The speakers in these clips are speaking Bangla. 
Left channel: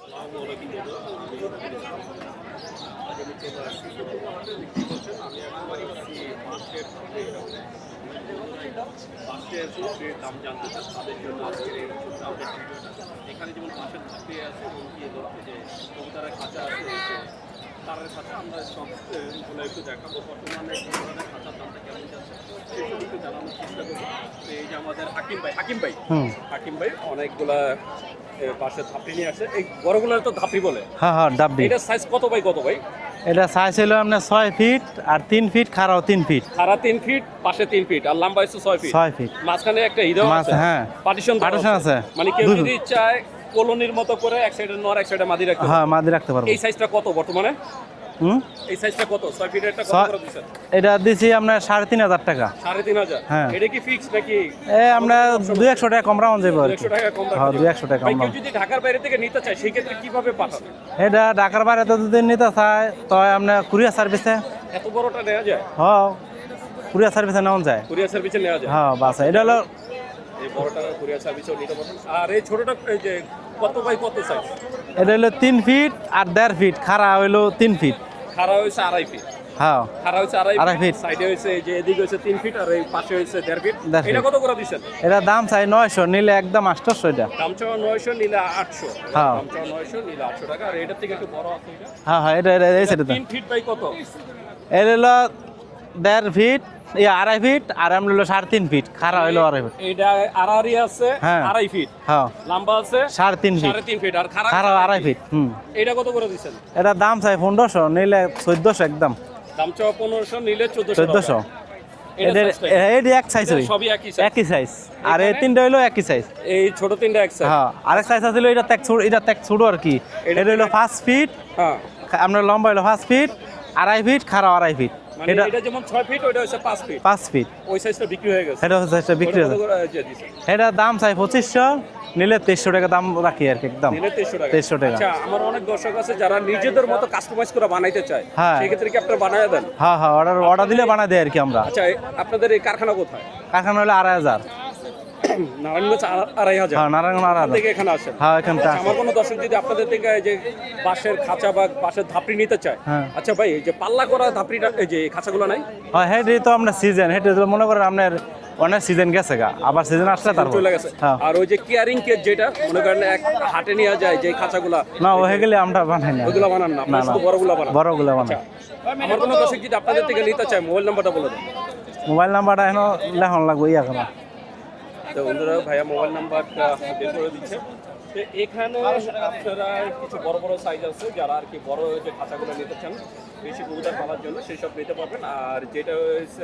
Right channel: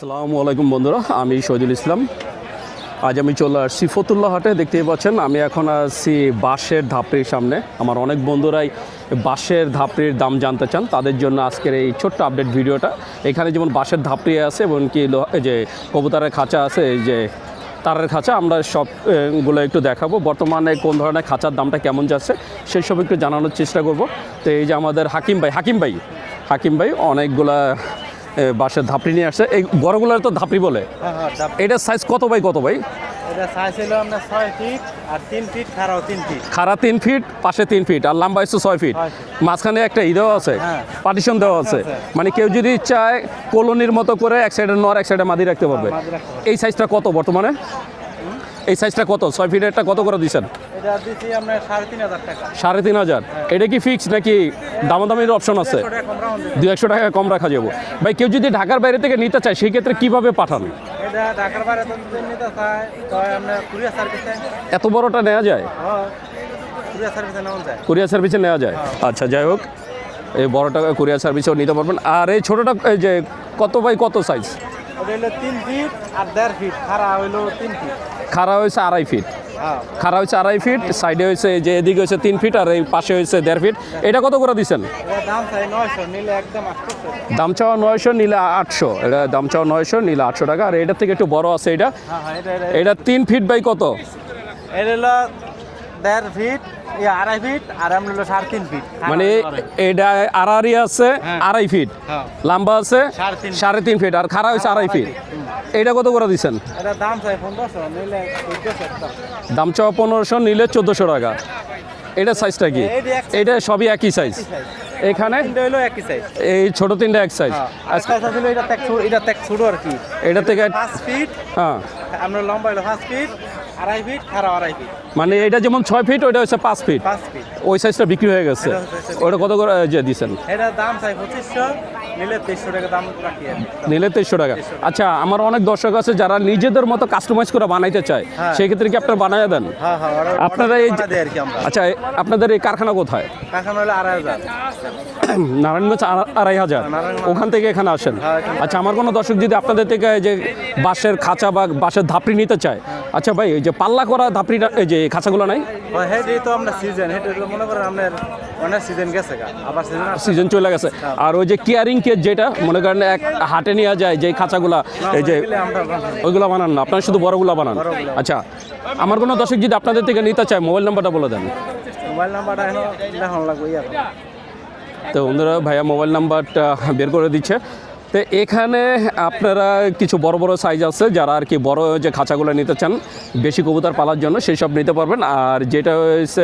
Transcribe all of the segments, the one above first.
আসসালামু আলাইকুম বন্ধুরা, আমি শহীদুল ইসলাম। আজ আমি চলে আসছি ফতুল্লা হাটে। দেখতেই পাচ্ছেন আমি এখন আসছি বাঁশের ধাপড়ির সামনে। আমার অনেক বন্ধুরাই বাঁশের ধাপড়ির দাম জানতে চান, তাদের জন্য আজকের এই ছোট্ট আপডেট ভিডিওটা। এখানে যেমন বাঁশের ধাপড়ি আছে এবং কি যে কবুতরের খাঁচা আছে, এই যে তারের খাঁচা, আমরা সবগুলো একটু দেখাবো। বর্তমানে কোন ধরনের খাঁচার দামটা কেমন যাচ্ছে সেই সব একটু জানানোর চেষ্টা করব। তো এই যে আমাদের হাকিম ভাই অনেকগুলা বাঁশের ধাপড়ি নিয়ে আসছে। এই বড়গুলো তো ধাপড়ি বলে। হ্যাঁ এটা সাইজ কত বাই কত ভাই? এটা সাইজ হলো আপনার 6 ফিট আর 3 ফিট, খাড়াও 3 ফিট। খাড়া 3 ফিট, পাশে 3 ফিট আর লম্বা হচ্ছে 6 ফিট। মাঝখানে একটা দেওয়া আছে, পার্টিশন দেওয়া আছে। মানে কেউ যদি চায় কলোনির মতো করে এক সাইডে নর এক সাইডে মাদি রাখতে পারবে। মাদি রাখতে পারবে। এই সাইজটা কত বর্তমানে? এই সাইজটা কত? 6 ফিটেরটা কত করে দিবেন? এটা দিছি আমরা 3,500 টাকা। 3,500? এটা কি ফিক্স নাকি দামাদামির অপশন আছে? 200 টাকা কম রাখা যাবে। 200 টাকা কম রাখা যাবে। ভাই কেউ যদি ঢাকার বাইরে থেকে নিতে চায় সেই ক্ষেত্রে কিভাবে পাঠান? এটা ঢাকার বাইরে তো যদি নিতে চায় তো আপনি কুরিয়ার সার্ভিসে। এত বড়টা নেওয়া যায়? হ্যাঁ, কুরিয়ার সার্ভিসে নেওয়া যায়। কুরিয়ার সার্ভিসে নেওয়া যায়। আচ্ছা, যাই হোক, এই বড়টা কুরিয়ার সার্ভিসেও নিতে পারবেন। আর এই ছোটটা যে কত বাই কত সাইজ? এটা হলো 3 ফিট আর 1.5 ফিট, খাড়া হলো 3 ফিট। খাড়া হয়েছে 2.5 ফিট। হ্যাঁ, খাড়া হয়েছে 2.5 ফিট, সাইডে হয়েছে যে এদিকে হয়েছে 3 ফিট আর এই পাশে হয়েছে 1.5 ফিট। এটা কত করে দিচ্ছেন? এটা দাম চাই 900, নিলে একদম 800 এটা। দাম চাওয়া 900, নিলে 800। এটা দাম চাওয়া 900, নিলে 800 টাকা। আর এটার থেকে একটু বড় আছে এটা। হ্যাঁ, এটা 3 ফিট বাই কত? এটা হলো 1.5 ফিট, 2.5 ফিট আর আমরা হলো 3.5 ফিট। মানে এটা আড়াআড়ি আছে 2.5 ফিট, লম্বা আছে 3.5 ফিট আর খাড়া আছে 2.5 ফিট। এটা কত করে দিচ্ছেন? এটা দাম চাই 1500, নিলে 1400 একদম। দাম চাওয়া 1500, নিলে 1400 টাকা। এটা সাইজটা কি? এটা সবই একই সাইজ। আর এই তিনটা হলো একই সাইজ। এই ছোট তিনটা এক সাইজ। আর সাইজ আছে এটা tek ছোট আর কি। এটা থেকে 5 ফিট। হ্যাঁ, আমরা লম্বা হলো 5 ফিট, 2.5 ফিট, খাড়া 2.5 ফিট। মানে এটা যেমন 6 ফিট, ওটা হচ্ছে 5 ফিট। 5 ফিট ওই সাইজটা বিক্রি হয়ে গেছে। ওটা কত করে যে দিবেন? এটা দাম চাই 2500, নিলে 2300 টাকা দাম রাখি আর একদম। নিলে 2300 টাকা। আচ্ছা, আমার অনেক দর্শক আছে যারা নিজেদের মতো কাস্টমাইজ করে বানাইতে চায়, সেই ক্ষেত্রে কি আপনারা বানায় দেন? হ্যাঁ, অর্ডার দিয়ে বানাই দেই আর কি আমরা। আচ্ছা, আপনাদের এই কারখানা কোথায়? কারখানা হলো 2,500, নারায়ণগঞ্জ 2,500। ওখান থেকে এখানে আসেন? আচ্ছা, আমার কোনো দর্শক যদি আপনাদের থেকে এই যে বাঁশের খাঁচা বা বাঁশের ধাপড়ি নিতে চায়, আচ্ছা ভাই, এই যে পাল্লা করা ধাপড়িটা, এই যে খাঁচাগুলো নাই? হ্যাঁ, হেডি তো আমরা সিজন, হেডি মনে করেন আপনার অনেক সিজন গেছে গা, আবার সিজন চলে গেছে। আর ওই যে কেয়ারিং কেজ যেটা মনে করেন এক হাটে নিয়ে যায়, যে খাঁচাগুলা, ওইগুলো বানান না, আপনারা শুধু বড়গুলো বানান? আচ্ছা, আমার কোনো দর্শক যদি আপনাদের থেকে নিতে চায়, মোবাইল নাম্বারটা বলে দেন। মোবাইল নাম্বারটা এখন লেখন লাগবে এখন। তো বন্ধুরা, ভাইয়া মোবাইল নাম্বারটা বের করে দিচ্ছে। তো এখানে আপনারা কিছু বড় বড় সাইজ আছে, যারা আর কি বড় যে খাঁচাগুলো নিতে চান বেশি কবুতর পালার জন্য, সেই সব নিতে পারবেন। আর যেটা হচ্ছে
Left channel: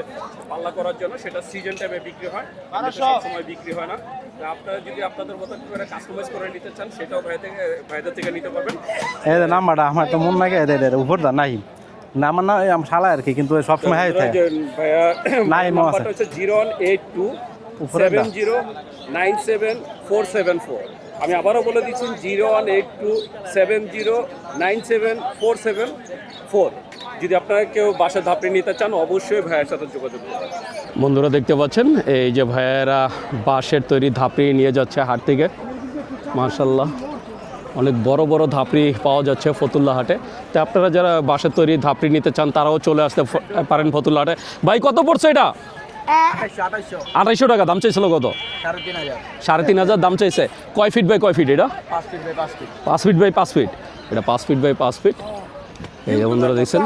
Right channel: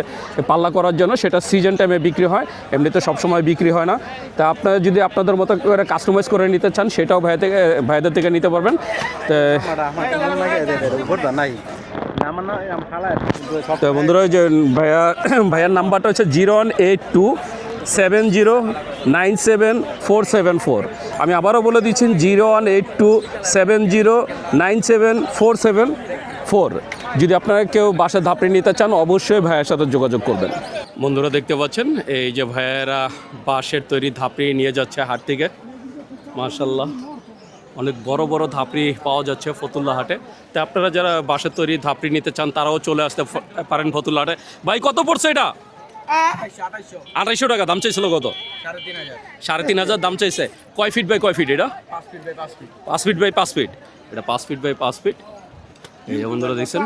পাল্লা করার জন্য, সেটা সিজন টাইমে বিক্রি হয়, এমনিতে সবসময় বিক্রি হয় না। তা আপনারা যদি আপনাদের মতো করে কাস্টমাইজ করে নিতে চান, সেটাও ভাইদের থেকে নিতে পারবেন। আমার তো মন লাগে নাই নাম না, আমি শালা আর কি, কিন্তু সব বন্ধুরা, যে ভাইয়ের নাম্বারটা হচ্ছে 018270974774। আমি আবারও বলে দিচ্ছি 018270974774। যদি আপনারা কেউ বাসায় ধাপড়ি নিতে চান, অবশ্যই ভাইয়ের সাথে যোগাযোগ করবেন। বন্ধুরা, দেখতে পাচ্ছেন এই যে ভাইয়েরা বাঁশের তৈরি ধাপড়ি নিয়ে যাচ্ছে হাট থেকে। মাশাআল্লাহ, অনেক বড় বড় ধাপড়ি পাওয়া যাচ্ছে ফতুল্লা হাটে। তো আপনারা যারা বাঁশের তৈরি ধাপড়ি নিতে চান, তারাও চলে আসতে পারেন ফতুল্লা হাটে। ভাই, কত পড়ছে এটা? 2,800 টাকা দাম চাইছিল। কত? 3,500 দাম চাইছে। কয় ফিট বাই কয় ফিট এটা? 5 ফিট বাই 5 ফিট। এটা 5 ফিট বাই 5 ফিট। এই যে বন্ধুরা দেখছেন,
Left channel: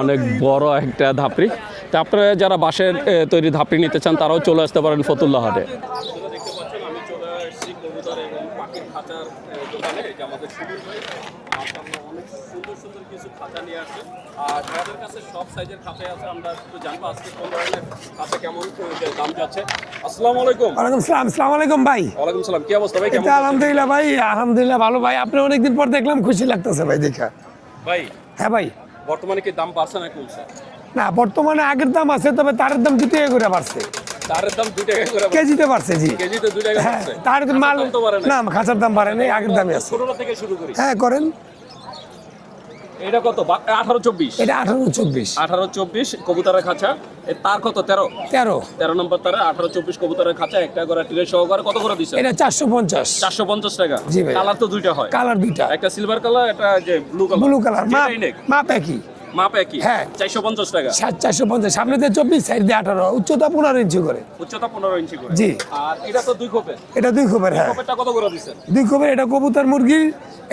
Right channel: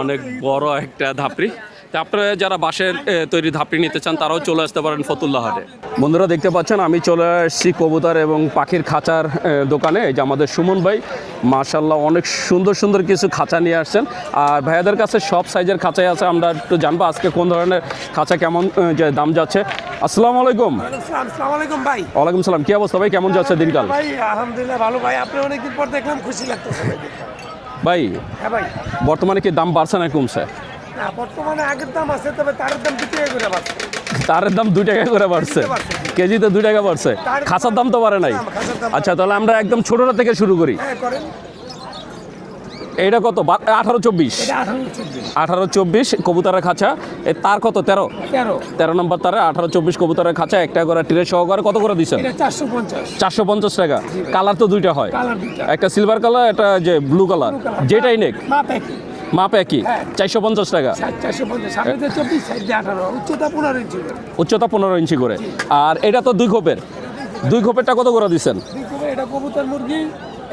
অনেক বড় একটা ধাপড়ি। তা আপনারা যারা বাঁশের তৈরি ধাপড়ি নিতে চান, তারাও চলে আসতে পারেন ফতুল্লা হাটে। বন্ধুরা, দেখতে পাচ্ছেন আমি চলে আসছি কবুতর এবং পাখির খাঁচার দোকানে। এই যে আমাদের সুমন ভাই, মাশাআল্লাহ, অনেক সুন্দর সুন্দর কিছু খাঁচা নিয়ে আসছেন। আর ভাইয়াদের কাছে সব সাইজের খাঁচাই আছে। আমরা একটু জানবো আজকে কোন ধরনের খাঁচা কেমন যে দাম যাচ্ছে। আসসালামু আলাইকুম। আসসালামু আলাইকুম ভাই। ওয়ালাইকুম সালাম। কি অবস্থা ভাই, কেমন যাচ্ছে দিনটা? ভাই আলহামদুলিল্লাহ ভালো ভাই, আপনি অনেকদিন পর দেখলাম, খুশি লাগতেছে ভাই দেখা। ভাই, হ্যাঁ ভাই, বর্তমানে কি দাম বাড়ছে না কমছে? না, বর্তমানে আগের দাম আছে, তবে তারের দাম 2 টাকা করে বাড়ছে। তারের দাম 2 টাকা করে বাড়ছে? কেজিতে 2 টাকা বাড়ছে। খাঁচার দাম তো বাড়ে নাই? না, খাঁচার দাম বাড়ে নাই। আচ্ছা, তাহলে আমরা একদম ছোটটা থেকে শুরু করি। হ্যাঁ, করেন। এইটা কত 18-24? এটা 18-24 18-24 কবুতরের খাঁচা তার কত 13 13 নম্বর তারে 18-24 কবুতরের খাঁচা একটা করে ট্রে সহকারে কত করে দিচ্ছেন? এটা 450 450 টাকা। জি ভাই। কালার তো দুইটা হয়, কালার দুইটা, একটা সিলভার কালার, একটা যে ব্লু কালার, ব্লু কালার, যেটাই নেক মাপ একই, মাপ একই। হ্যাঁ। 450 টাকা। 450, সামনেতে 24, সাইডে 18, উচ্চতা 15 ইঞ্চি করে। উচ্চতা 15 ইঞ্চি করে। জি। আর এটা তো দুই খোপের, এটা দুই খোপের, দুই খোপেরটা কত করে দিচ্ছেন? দুই খোপের। এটা কবুতর মুরগি,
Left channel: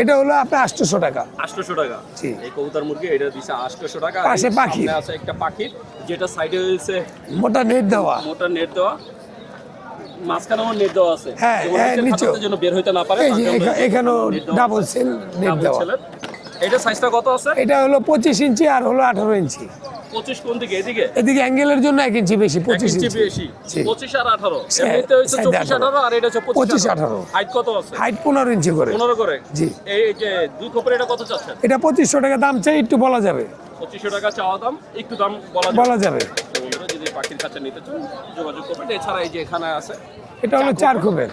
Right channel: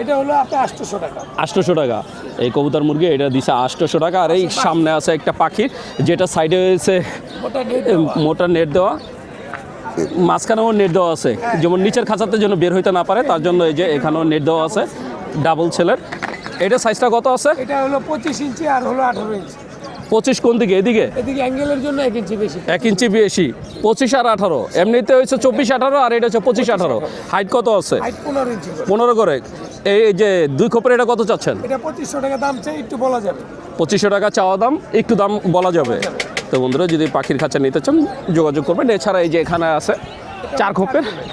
এটা হলো আপনার 800 টাকা। 800 টাকা। জি। এই কবুতর মুরগি এটা দিছে 800 টাকা। আর এই পাশে পাখি। সামনে আছে একটা পাখি, যেটা সাইডে হচ্ছে মোটা নেট দেওয়া। মোটা নেট দেওয়া, মাঝখানেও নেট দেওয়া আছে, হ্যাঁ, যেমন হ্যাঁ, নিচের নিচেও। খাঁচাতে যেন বের হইতে না পারে, এই তার যে জন্য এই যে এখানেও এখানেও নেট দেওয়া double আছে, cell net ডাবল দেওয়া। ছেলের। এটা সাইজটা কত আছে? এটা হলো 25 ইঞ্চি আর হলো 18 ইঞ্চি। 25 কোন দিকে? এদিকে এদিকে অ্যাঙ্গেলের জন্য 1 ইঞ্চি বেশি, 1 ইঞ্চি বেশি। জি। 25 আর 18 এমনিতে হচ্ছে 24-18, আর এটা হচ্ছে 25-18। হাইট কত আছে? হাইট 15 ইঞ্চি করে। 15 করে। জি। এই যে দুই খোপের এটা কত চাচ্ছেন? এটা 2500 টাকা দাম চাই, একটু বলা যাবে। 2500 টাকা চাওয়া দাম, একটু দাম বলা যাবে। বলা যাবে। তো বন্ধুরা যদি পাখির খাঁচা নিতে চান যোগাযোগ করবেন। এছাড়া এই যে এখানে আছে এটা হলো 4 খোপের,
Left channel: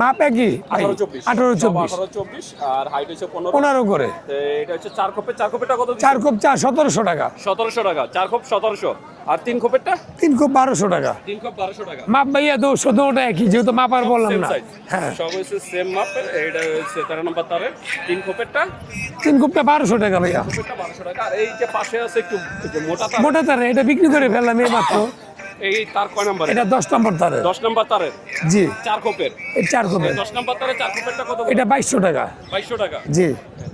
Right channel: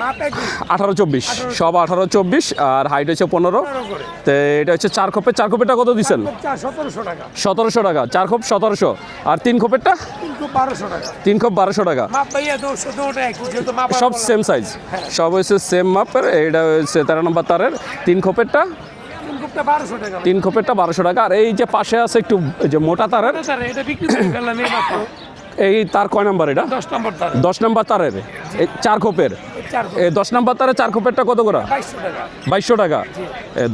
মাপ একই, 18-24, সব 18-24, আর হাইট হচ্ছে 15। 15 করে। তো এটা হচ্ছে 4 খোপের। 4 খোপেরটা কত 4 দিচ্ছেন? খোপ 1700 টাকা। 1700 টাকা। 4 খোপ 1700, আর 3 খোপেরটা 3 খোপ 1200 টাকা। 3 খোপ 1200 টাকা। মাপ ভাইয়া তো 17টা একই, যেহেতু মাপ আর সব বললাম সেম না। সাইজ, হ্যাঁ, সব হচ্ছে সেম মাপের। এটা হচ্ছে 13 নম্বর তারের। 3 খোপেরটা 3 খোপটা 1200 টাকা। 3 খোপেরটা 1200 টাকা। আর এই যে পাশে আছে একটু এই যে মোটা তার, মোটা তার, এটা বিক্রি করে ফেললাম এই মাত্র। এই তার কয় নাম্বার? এটা এটা 10 নম্বর তার। 10 নম্বর তারের। জি। 4 খোপের। এই 4 খোপ, 10 নম্বর তারে 4 খোপেরটা কত করে? এটা 2200 টাকা। 2200 টাকা। জি।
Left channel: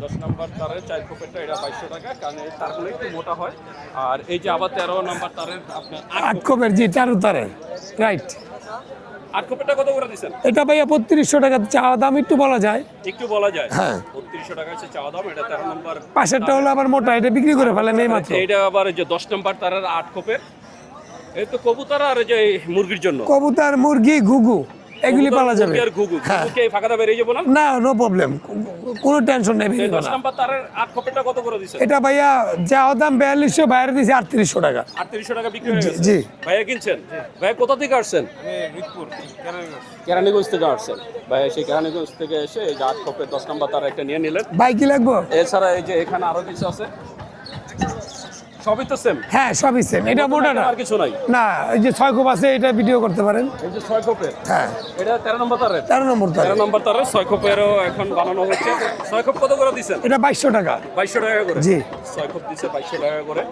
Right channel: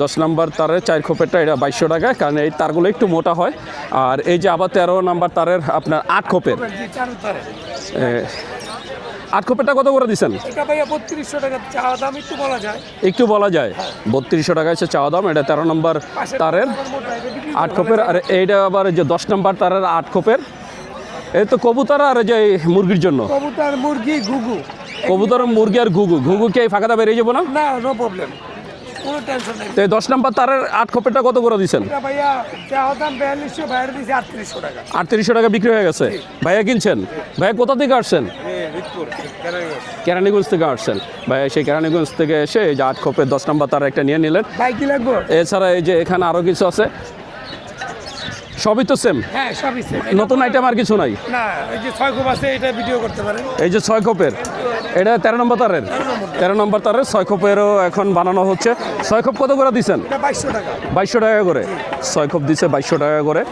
10 নম্বর তারের 4 খোপেরটা এটা 2200 টাকা, কারণ এই তারগুলো একটু মোটা হয়। আর এই যে আবার 13 নম্বর তারের আপনার 8 খোপের। খোপের, জি, 4 তারে। রাইট। 8 খোপেরটা কত করে দিচ্ছেন? এটা ভাইয়া 3200 টাকা চাওয়া দাম, একটু বলা যায়। একটু বলা যায়। হ্যাঁ। 3200 টাকা হচ্ছে চাওয়া দাম। এটা 13 নম্বর পাশেরটা তারের হলো আবার মোটা, এটা বিক্রি করে 8 ফেললাম খোপের। এই আর মাত্র। এইটা আবার এই যে 10 নম্বর তারের 8 খোপের। এই তো কবুতর আর এই যে মুরগির জন্য। কবুতর, মুরগি, ঘুঘু, এগুলি কবুতর, পাওয়া মুরগি যাবে। আর ঘুঘু। ঘুঘু কি এই ফাঁকাটা বেরিয়ে যাবো না? না, নো প্রবলেম, কোনো টেনশন নেই। তো এই 10 নম্বর তারের 8 খোপেরটা কত করে দিচ্ছেন? এটা ভাইয়া চাওয়া দাম 4200, বাইরে দিয়েছে 3800 টাকা। 3800 টাকা বিক্রি হয়ে গেছে। জি। ভাইয়া কিনছেন? ভাইয়া কোথা থেকে আসছেন? কেরানীগঞ্জ থেকে আসছেন। ভাইয়া সেই কেরানীগঞ্জ থেকে এসে এই যে 8 খোপের 10 নম্বর তার একটা নিয়ে নিলেন। ভাই কি লাগবো? এছাড়া এই যে এখানে আরো কিছু আছে, সবই তো সেম, হ্যাঁ, সবই সেম। এটা নতুন আইটেম আর কিছু নাই। না, এই যে 6 খোপ আছে, এটা ভিডিও করতে পারেন। এই যে 6 খোপের, এটা 13 নম্বর তারের। 13 নম্বর তার। 13 নম্বর তারের 6 খোপেরও এখন বানানো হচ্ছে। 6 খোপ কত করে দিচ্ছেন? এটা 2200 টাকা। 2200 টাকা করে। জি। 6 খোপ দিচ্ছে 2200 টাকা করে।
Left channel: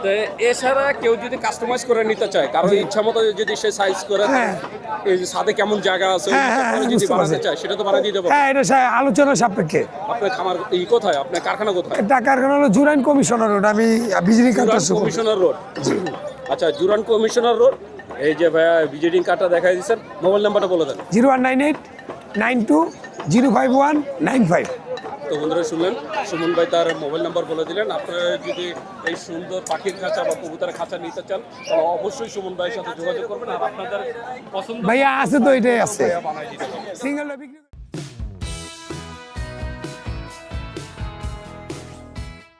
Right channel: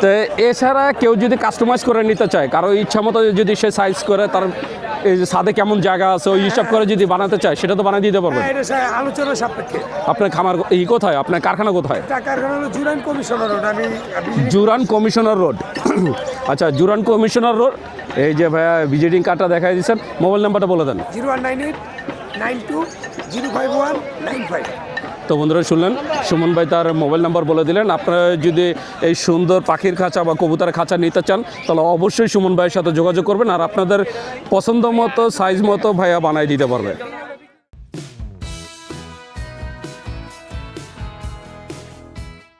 তো এছাড়া কেউ যদি কাস্টমাইজ করে নিতে চায়, কারোর ইচ্ছা মতো যদি সে সাইজ করে, তার এই যে ছাদে কেমন জায়গা আছে ওই হিসাব করে যদি বুঝতে বানাতে পারছি। চায়, সেটা তো বানিয়ে দিতে পারবে। হ্যাঁ, এটা আলোচনা সাপেক্ষে। আপনার খামার কোথায়? আপনার কারখানা কোথায়? টাকার হলো জুরাইন কমিশনার রোড। আমি বিজলি জুরান কমিশনার রোড। আচ্ছা, জুরান কমিশনার রোড। এই যে ভাইয়া ভিজিটিং কার্ডটা দেখাই দিচ্ছেন, মোবাইল নাম্বারটা বলে দেন। 0198 92 051 95। তো বন্ধুরা শুনলেন, সুমন ভাই তার মোবাইল নাম্বার বলে দিলেন। আপনারা যদি এই সুন্দর পাখির খাঁচা বা কবুতরের খাঁচা নিতে চান, তাহলে অবশ্যই সুমন ভাইয়ের সাথে যোগাযোগ করবেন। আর আপনাদের পছন্দ ভাইয়া মতো আছে তো, সাইজ এটাই মতো আছে। ভাইয়া বানাই দিতে পারবে। সিঙ্গেল